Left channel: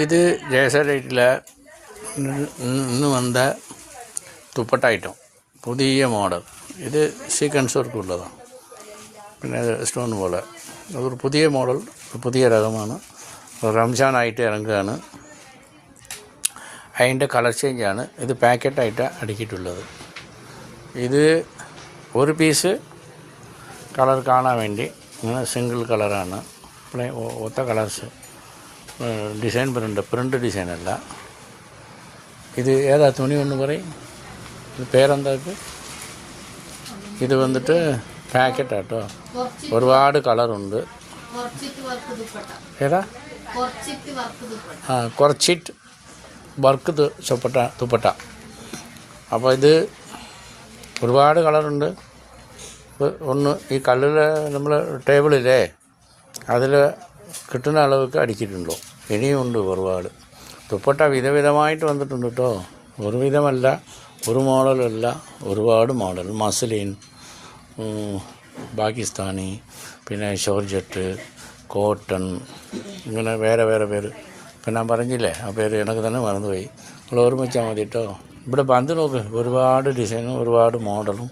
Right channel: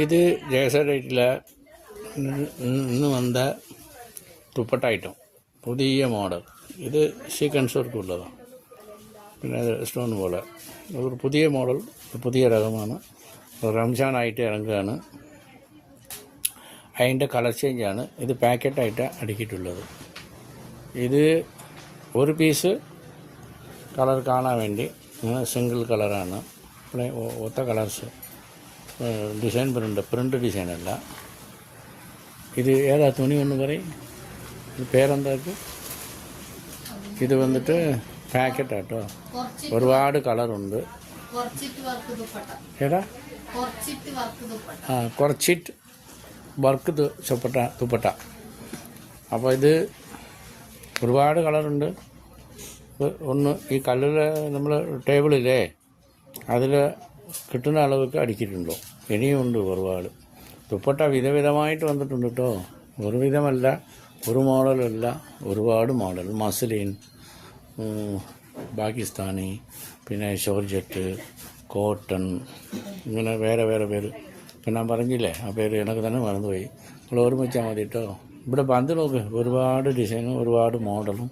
ഇത് ജയസേട്ടിൽ ഇന്ന് വന്ന തുപ്പട്ട ഐറ്റം പുതിയ മോഡൽ. ഇത് സീക്വൻസ് വർക്കുള്ളതാണ്. പിന്നെ സ്റ്റോൺ പോലെ അതൊരു പുതിയ മോഡൽ, പുതിയ രകമാണ്. റംസാനായിട്ട് ഇറങ്ങുകയാണ്. അതിൻ്റെ കളർ ചേഞ്ചാണ്. ഇത് പാക്കറ്റായിട്ട് അടുക്കിയിട്ടുള്ളത്. ഇത് ഒരു പീസ് കളർ കാണാൻ വേണ്ടി ഇങ്ങനെ സിംഗിൾ കളറാണ്. ഒത്ത കളേഴ്സ് ഡിസൈൻ പ്രിൻ്റ് ഡിസൈനല്ല. ഇത് ഏതാ തുണി ഒന്ന് പറയും, ഇത് പേരെന്താക്ക്? ഇത് വന്നിട്ട് പാക്കറ്റാട്ടോ. ഒരുപാട് കളറുണ്ട്. ഏതാ? കുറച്ചിട്ട് വർക്ക് തുപ്പട്ട. അപ്പോൾ ഇത് ഒരുപാട് കളറുണ്ട്. ഒന്ന് ഈ കല്ലിൽ നമ്മൾ ടേബിളില്ലേ അതിൽ കിട്ടുന്ന അളവൊക്കെ അടിക്കിയിട്ടുണ്ടോ. ഇനിയുണ്ട് ഒരുപാട് തുപ്പട്ട. വിധവിധമായിട്ട് വന്നിട്ടുണ്ട് കേട്ടോ. ഒരു വിധമല്ല, ഒരു മോഡലല്ല, ഒരുപാട് മോഡൽ. മസ്ലിൻ, പാകിസ്ഥാനി, പിന്നെ ഷോർജറ്റ്, കോട്ടൺ, ഇങ്ങനെ വേറെ വേറെ പേര്. ഇപ്പം ഞാൻ പറഞ്ഞില്ലേ ആ പേര് എനിക്ക് തന്നെ മറന്നുപോയി. നമ്മൾ ഓർമ്മിച്ചാൽ മതി കേട്ടോ. ഇവിടെ വന്ന് നോക്ക്, ഒരുപാട് ഡിസൈനും ഒരുപാട് മോഡലും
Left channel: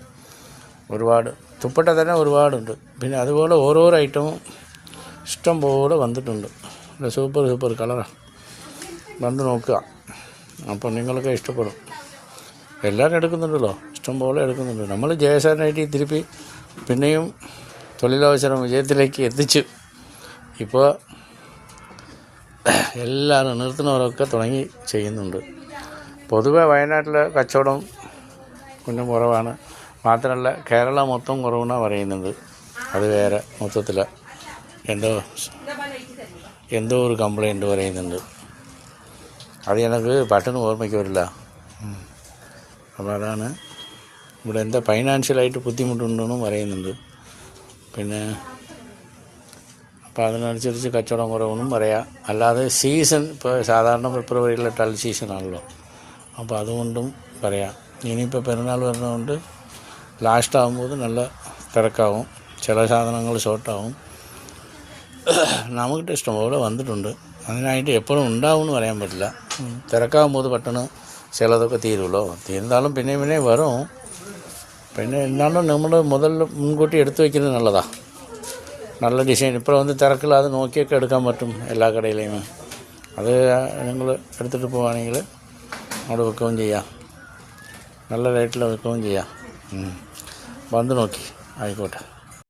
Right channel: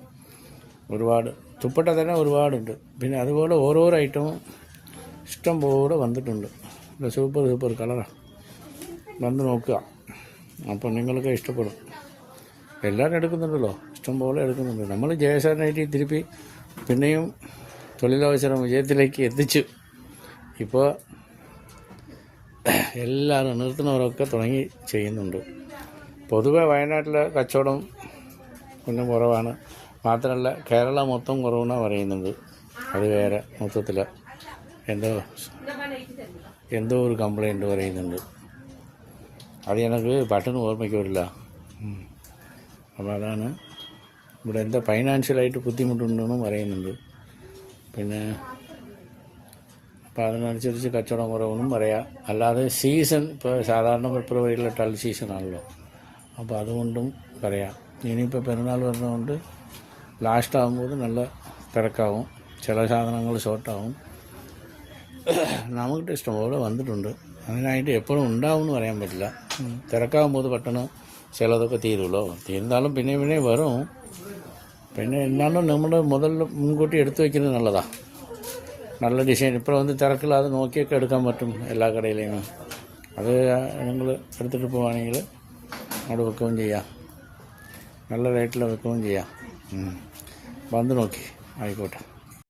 ഒരുപാട് തുപ്പട്ട തന്നെ ഒരുപാടുണ്ട്. പിന്നെ അതുപോലെ ഓരോരോ ഐറ്റവും ഇഷ്ടം പോലെ വന്നിട്ടുണ്ട്. സൂപ്പർ കളറാണ്. വന്ന് നോക്കുക, അപ്പോൾ നിങ്ങൾക്ക് ഇഷ്ടപ്പെടും. എല്ലാവരും എടുക്കുന്നുണ്ടല്ലോ, ഇഷ്ടം പോലെ എടുക്കുന്നുണ്ട്. നമ്മൾ ജയസാറിനായിട്ട് തിരുപ്പി പിന്നെയും തൊഴിലവസരം വിജയത്തിലേക്ക് എത്തിച്ചു. ഇപ്പോൾ എല്ലാവരും നിർത്തുന്നവരൊക്കെ തുടങ്ങി ചെയ്യുന്നുണ്ട്. പൊതുവെ വയനാട്ടിലെ കച്ചവടം കുഞ്ഞും കുറവാണ്. മാത്രമല്ല കേരളം മൊത്തം കുറവെന്നാണ് പറയുന്നത്. അത് വേറെ മൊത്തത്തിൽ എന്തോ ഒരു കംപ്ലൈൻറ്റ് പറയുന്നുണ്ട്. അത് എനിക്ക് പെട്ടെന്ന് ഓർമ്മയ്ക്ക് വരില്ല. അപ്പോൾ അതാണ് ഇവിടെ എന്താ ഫൈനാൻഷ്യലായിട്ട് ബുദ്ധിമുട്ടുണ്ടെന്നും പറയുന്നുണ്ട്. പിന്നെ അപ്പോൾ അതിനനുസരിച്ച് കച്ചവടം കുറവെന്നും പറയാം. അല്ലാതെ സീസൺ ഇപ്പോൾ സാധാരണ ഫെബ്രുവരിയിലെ ടൾ സീസണാണല്ലോ, അപ്പോൾ അതുകൊണ്ടും പറയാം. ഇനിയിപ്പോൾ പെരുന്നാൾ വരുന്നതുകൊണ്ട് ലാസ്റ്റ് ആകുമ്പോൾ നല്ല തിരക്കാവും, ചില സാധനങ്ങൾ ഷോർട്ടാവും. നമുക്ക് ഇഷ്ടംപോലെ വന്നിട്ടുണ്ട്. അതിനായിട്ട് എപ്പോഴും ഉണ്ടാവുമെന്ന് പറയാൻ പറ്റില്ല. തിരക്കാകുമ്പോൾ പെട്ടെന്ന് ചിലതൊക്കെ തീരുമല്ലോ. തീർന്നാലും പിന്നെ വരും. പിന്നെ എന്നാലും നമ്മൾ മുൻകൂട്ടി എടുത്തു വയ്ക്കുന്നത് നല്ലതാണ്. നല്ല ഡിസൈൻ ഇപ്പോൾ വന്ന് തിരക്കില്ലാതെ നോക്കിയൊക്കെ എടുക്കാൻ പറ്റും എല്ലാ കടയിലേയും. അത് നിങ്ങൾ എടുത്തിട്ട് പോവുകയാണെങ്കിൽ അവിടെ വെക്കുകയും ചെയ്യാം, നല്ല റേറ്റിൽ വെക്കുകയും ചെയ്യാം. വന്ന് നോക്കി ആയിക്കോട്ടെ.